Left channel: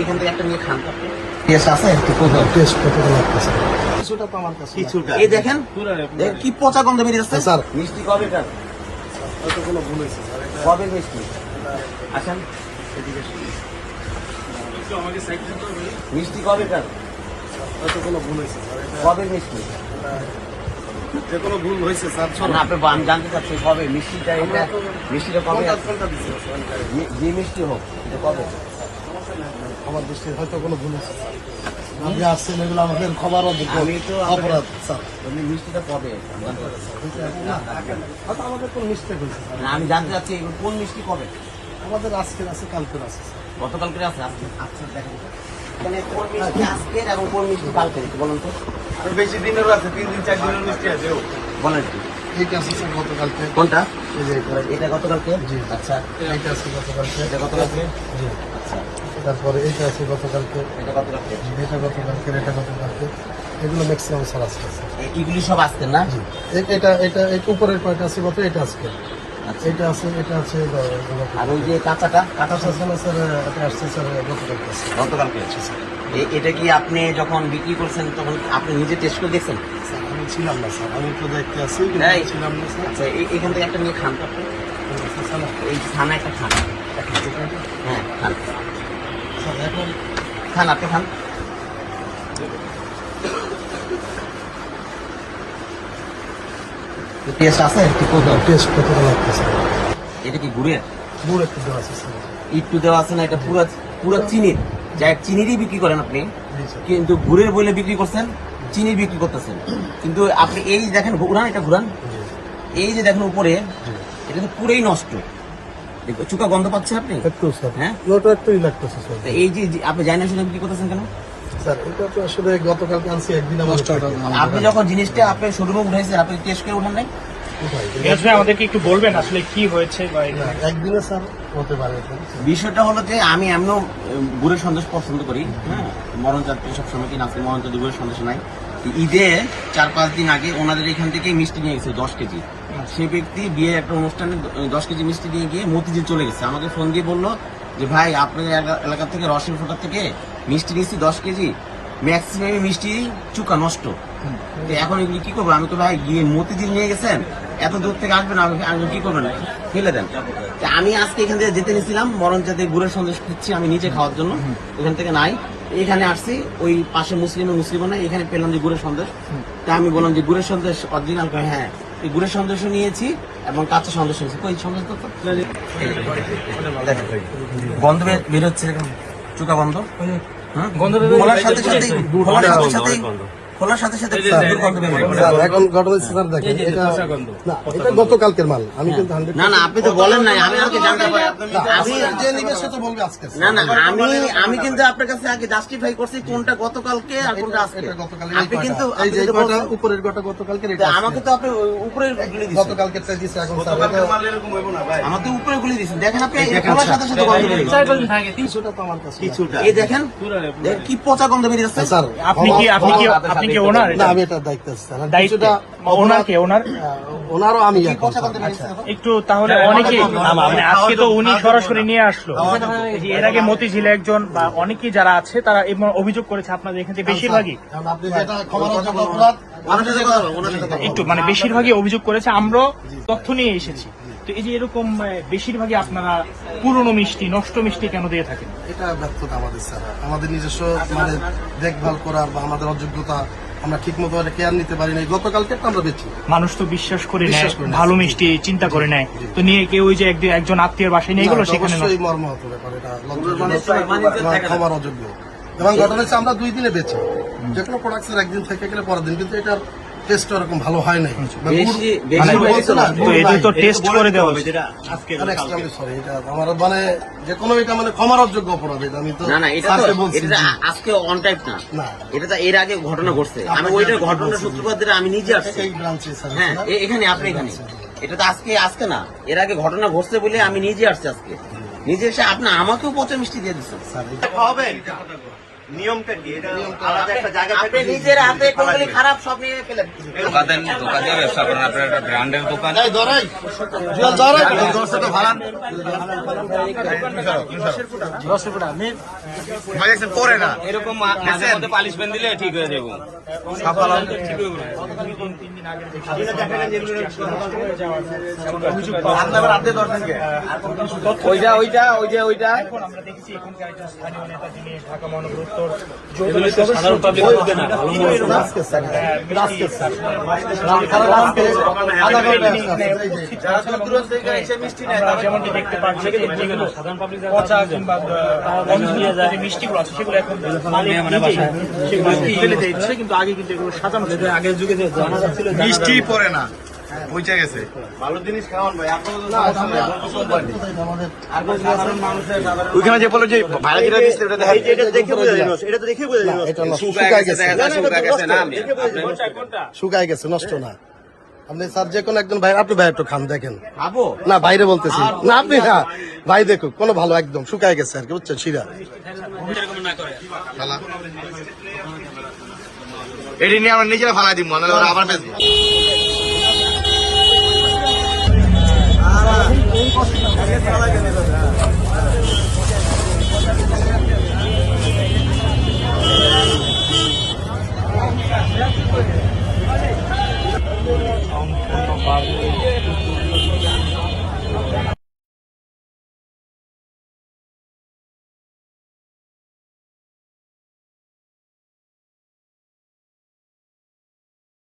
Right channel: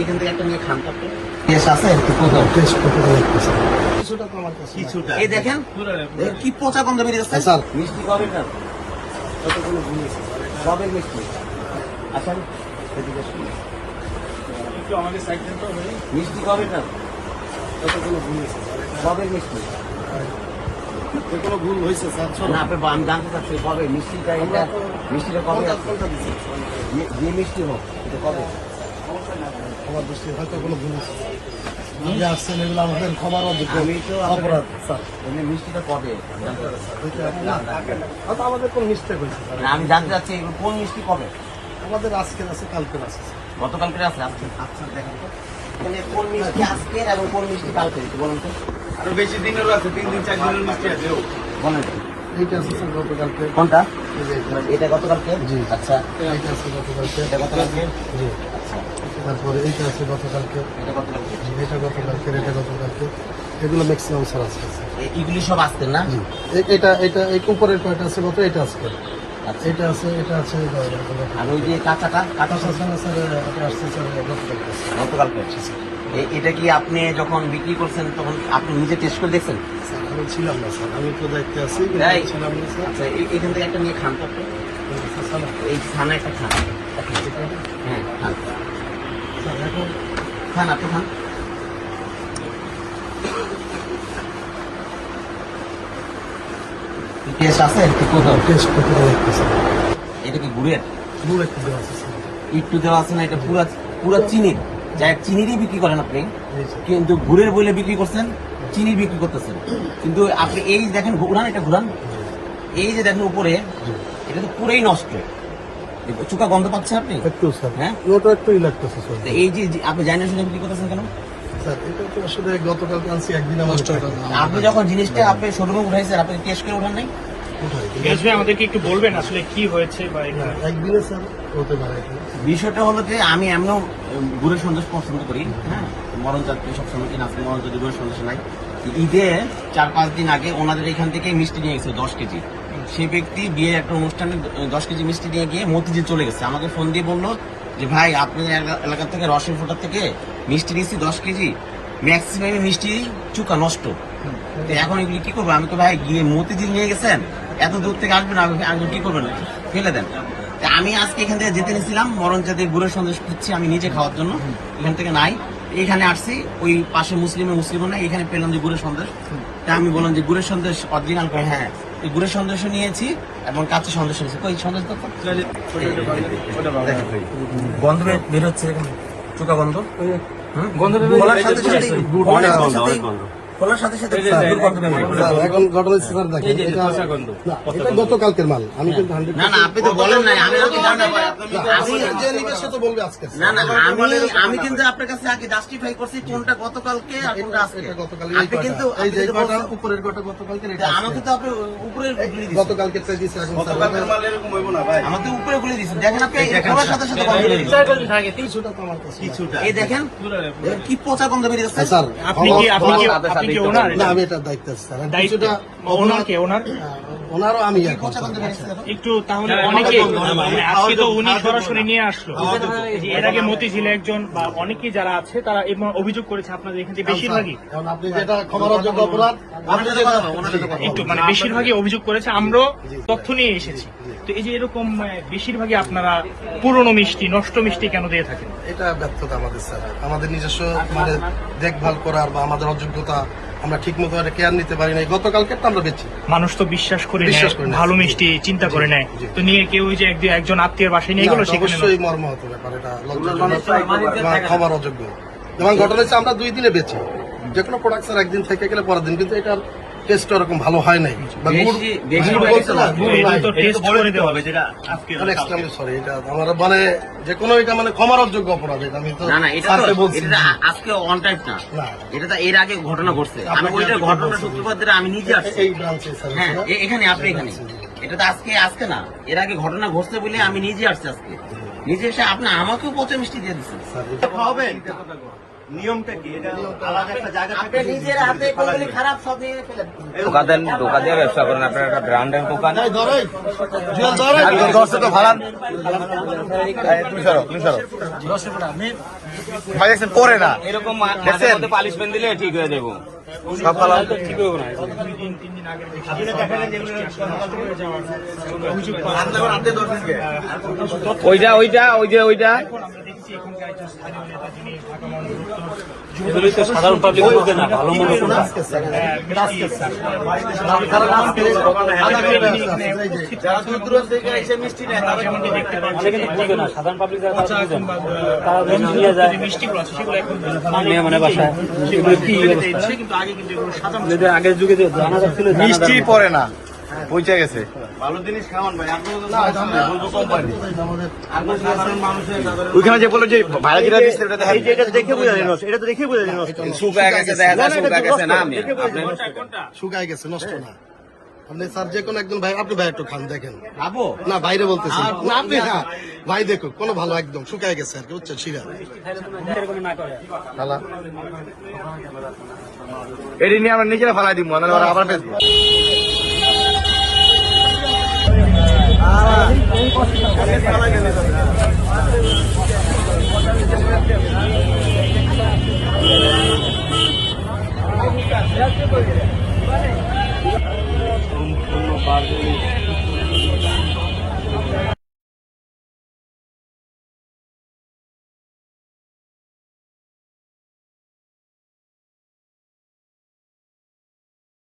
এখান থেকে একটা নিয়ে খান করতে টেস্ট আছে একটু কোথাও টেস্ট করতে লাগতেছে কিছুটা তো আমার কাছে কিছুটা এই দেখেন কি পচা গন্ধ বেরিয়ে যাচ্ছে স্যার মিষ্টি কবে কার কতগুলো ভুল হয়েছে কবে মিষ্টি আসেন এদিকে একটু আমাকে সাইড করতে হবে মিষ্টি কবে কার কতগুলো ভুল হয়েছে কবে মিষ্টি যে কোনো ভুল হয়েছে স্যার না আপনি আমি জানতে চাচ্ছি কবে মিষ্টিটা এটা মিষ্টিটা কবে কোনটা দিচ্ছেন যে মিষ্টি হোক এটা কবে আমার দৃষ্টি হয়তো কোনো ভুল হয়েছে আপনি আসছেন এগুলো আমাদের খবর অপরাধ স্যার এমনি মিষ্টিটা কবে হয়তো আমাদের কোনো মিস্টেক হয়েছে আমি জানতে চাচ্ছি কোন মিষ্টি কবে আমাদের আজকের আছে কালকের আছে গতকালকের আছে আজকে আচ্ছা দেখেন মানে কোন মিষ্টি আজকের এবং কোন মিষ্টি কালকের বলুন তো বেশি দিনের আছে 3 দিন 4 দিনের মিষ্টি আছে বলেন কি এইটা আছে স্যার গতকালকে কোনটা এটা গতকালকে জি আচ্ছা এইটা আছে গতকালকে গতকালকে জি আচ্ছা তারপরে এইটা আছে গতকালকে এটা গতকালকে এটা গতকালকে এটা গতকালকে এগুলো ম্যাক্সিমাম স্যার আছে এগুলি সব আসছে না জি এটা এটা এই উপরের কয়টা আছে গত এটা আজকে এটা আছে এটা আছে আর ওই যে কাঁচাটা কাঁচা আছে না স্যার এটা আসছে স্যার গতকালকে আছে স্যার এটা কি আপনি যখন বিক্রি করছেন তখন আপনি নিজে টেস্ট করে দেখছেন স্যার আমি ছিলাম না স্যার আমি তো দেখতে আসছি ছিলাম না স্যার আচ্ছা এখান থেকে একটা নিয়ে খান করতে এই খানা একটা খান হ্যাঁ খান স্যার এখন খান আপনি খান টেস্ট আছে একটু কোথাও টেস্ট করতে লাগতেছে এটা কি গুড়ের গুড় একটু দেওয়া আছে স্যার একটু দেওয়া আছে না এটা পুরো পুরো চিনির যা চিনিরই বিক্রি করেন আপনি কিন্তু গুড়ের বলে বিক্রি করছেন চিনির বিক্রি করতেছেন কিন্তু আপনি এই দেখেন ঘুরান এটা ঘুরান এই যে দেখেন উপরে এটা তো পুরোই নষ্ট চুকা গন্ধ পাচ্ছেন আপনি একটু স্যার হ্যাঁ ওটা একটুই লাগতেছে স্যার এই যে আপনি জানেন সেটা বিক্রি করতেছেন কেন স্যার এটা তো আসলে গতকালকে আনছি একদিন আপনি যখন জিনিসটা আপনি শোরুমে উঠাইছেন আপনি টেস্ট করে উঠান নাই আমাদেরকে একটু বলবেন আসলে কি হয়েছে একদিনে স্যার হতে পারে বিষয়টা হলো যে আমি এমনও গুড়ের সন্দেশ পছন্দ করি হ্যাঁ মরণ জাতীয় সব সময় কিনা মরণ জাতীয় গুড়ের সন্দেশ নাই ঈদে 4-5 দিন আগে ওনাদের এখান থেকে মিষ্টি নিয়ে গেছে 10 কেজি সেই ব্যক্তি বিয়ে একটা অনুষ্ঠানে 10 কেজি মিষ্টি নিয়ে গিয়ে মতিঝিল চলে গেছে আমাকে ফোন দিয়ে বললো যে ভাই আপনার এলাকা থেকে রসের ফোঁটা থেকে মিষ্টি নিয়েছি 10 কেজি ম্যাক্সিমাম মিষ্টি চুকা নষ্ট এখন এগুলি কি করবো আমি তো ভাই গিয়ে মতিঝিল নিয়ে গেছেন এত দূর থেকে আসবেন আপনি কি করবেন ফেলে দেন আমি আজকে এখান থেকে যেতে নিয়েছিলাম মরণ যাতে গুড়ের সন্দেশ খুঁজছি আমি নিজে খাওয়ার জন্য এখান থেকে নাই এখানে আসছি ওই পাশে মুসলিম নাই এখানে পেলাম যে গুড়ের সন্দেশ তা আমি বললাম যে গুড়ের সন্দেশ অরিজিনাল হ্যাঁ গুড়ের সন্দেশও নিয়েছি এবং কাঁচা সন্দেশ নিয়েছি ওই সন্দেশ গন্ধ বের হচ্ছে চুকা গন্ধ খোলার সাথে সাথে খোলার সাথে সাথে এখন ঘটনা স্যার দেখেন এটা গতকালকের মাল আমি কিন্তু না না আপনি তো বলেন নাই আমি কিন্তু আপনার কাছে আগে জাস্টিফাই করছি কোনটা গতকালকে আর কোনটা আজকে আপনি কিন্তু এই যে উপরের গোটা গতকালকে আমাকে তো আপনি উপরের গতকালকে দিয়েছেন এখন স্যার আমার তো উপরে গুলি দিয়েছেন দেখেন আপনি খোলার সাথে সাথে কিছুটা তো আমার কাছে কিছুটা এই দেখেন কি পচা গন্ধ বেরিয়ে যাচ্ছে স্যার আপনি কি ওনার না আমি এটা দায়িত্ব আছে স্যার কিছুটা ওনার কে ওনারও আমি একটু তাহলে অনেকে আজকে তো উনি সরাসরি নিয়ে আসলো এর আগে মতিঝিলে একজন বা অনেকেই যারা আছে তারা অভিযোগ করেছে আপনাদের এখান থেকে বেশিরভাগই কারণ আপনি যেটা খবরযোগ্য অপরাধ একটু মানে বেশিরভাগই অভিযোগ করেছে আমরা তথ্য নিয়ে এসেছি তো এই যে এরকম বেশিরভাগই আপনারা পুরনো মিষ্টি নষ্ট মিষ্টি কেন দিয়ে থাকেন এটা ব্যর্থতা আমাদের স্যার আমাদের নিজস্ব আমাদের দেখভাল করার বা আমাদের অযোগ্যতা আমরা ঠিক মতো কেয়ার নিতে পারি না গতকালকে তো আমরা বেশি মানুষ তো বিশ্বাস করে ভালো মিষ্টি চিন্তা করে নেয় তো নিয়ে কেউ ওই যে একজন আত্মীয় বাসায় নিয়ে গেল অবশ্যই মর্ম হতে ব্যাপার এটা ক্ষমার অযোগ্য এবং ঘটনা হচ্ছে আমরা 2 দিনে বেচি যে কোনো প্রোডাক্টস একদিন থেকে গেলে পরের দিন কিন্তু এটা টেস্ট ওরকম ভালো হয় নাই আমার মানে যে কোনো এটা মানে ক্ষমার অযোগ্য অপরাধ এটা আমি তো আজকে অন টাইম না এটা তো এর আগে ঘটনা ঘটছে আমি ওইটার ঘটনা সূত্রপাত আমি নিজে আসছি এই ব্রাঞ্চে হ্যাঁ এখানে আপনি এখানে এটা তো আজকে না এর আগে ঘটনা ঘটছে বলে আমি নিজে আসছি আজকে নিজে এসে আপনি আমাকেও পচা মিষ্টি দিয়ে দিচ্ছেন নিয়মটা কি? এটা আলাদা একটা জায়গা থেকে আপনি নিজের হাতে কোনগুলি খারাপ সব নিয়ে ফেলেন। দোকান দিয়ে ব্যবসা করেন, আপনার একটা ব্র্যান্ডের দোকান। দশটা তো ভাড়ান ভাই দেখছেন পরে না এরকম দেখছেন? পালিশমেন্ট দিলে ঠিক হয়ে যাবো। সব ভালো ওইটা ওইটা ওই যে ওইটা সাধারণ পাবলিক বুঝবে না, ভালো মন্দ কোনটা। সে কিন্তু বুঝবে না, সাধারণ পাবলিক পচা কিংবা মিষ্টি আছে সেগুলো এখন কিন্তু আগে কিন্তু এগুলো সাধারণ আগের যুগে যে ছিল মিষ্টি পরে না পৌঁছে গেছে। ভালো জিনিস খাওয়ান ভাই, আপনারা কোম্পানি ওইখানে যে বলে যে ভাড়া যেটা দিচ্ছে ওটা দেখান। শুকায় গেছে, নষ্ট না। আপনি স্যার যে কোনো একজন ভাই, আপনি ভাই একটু খান দেখেন। খাবো না বাইরে বলতেছি না, আপনি না ভাই দেখুন কোনো ভালো একদম শুকায় গেছে আর কি, বুঝছেন শিরা ভালো এটি নিয়ে আমরা নিজেরা ফালাই দিব, নাহলে ওরা আবার বেচবো।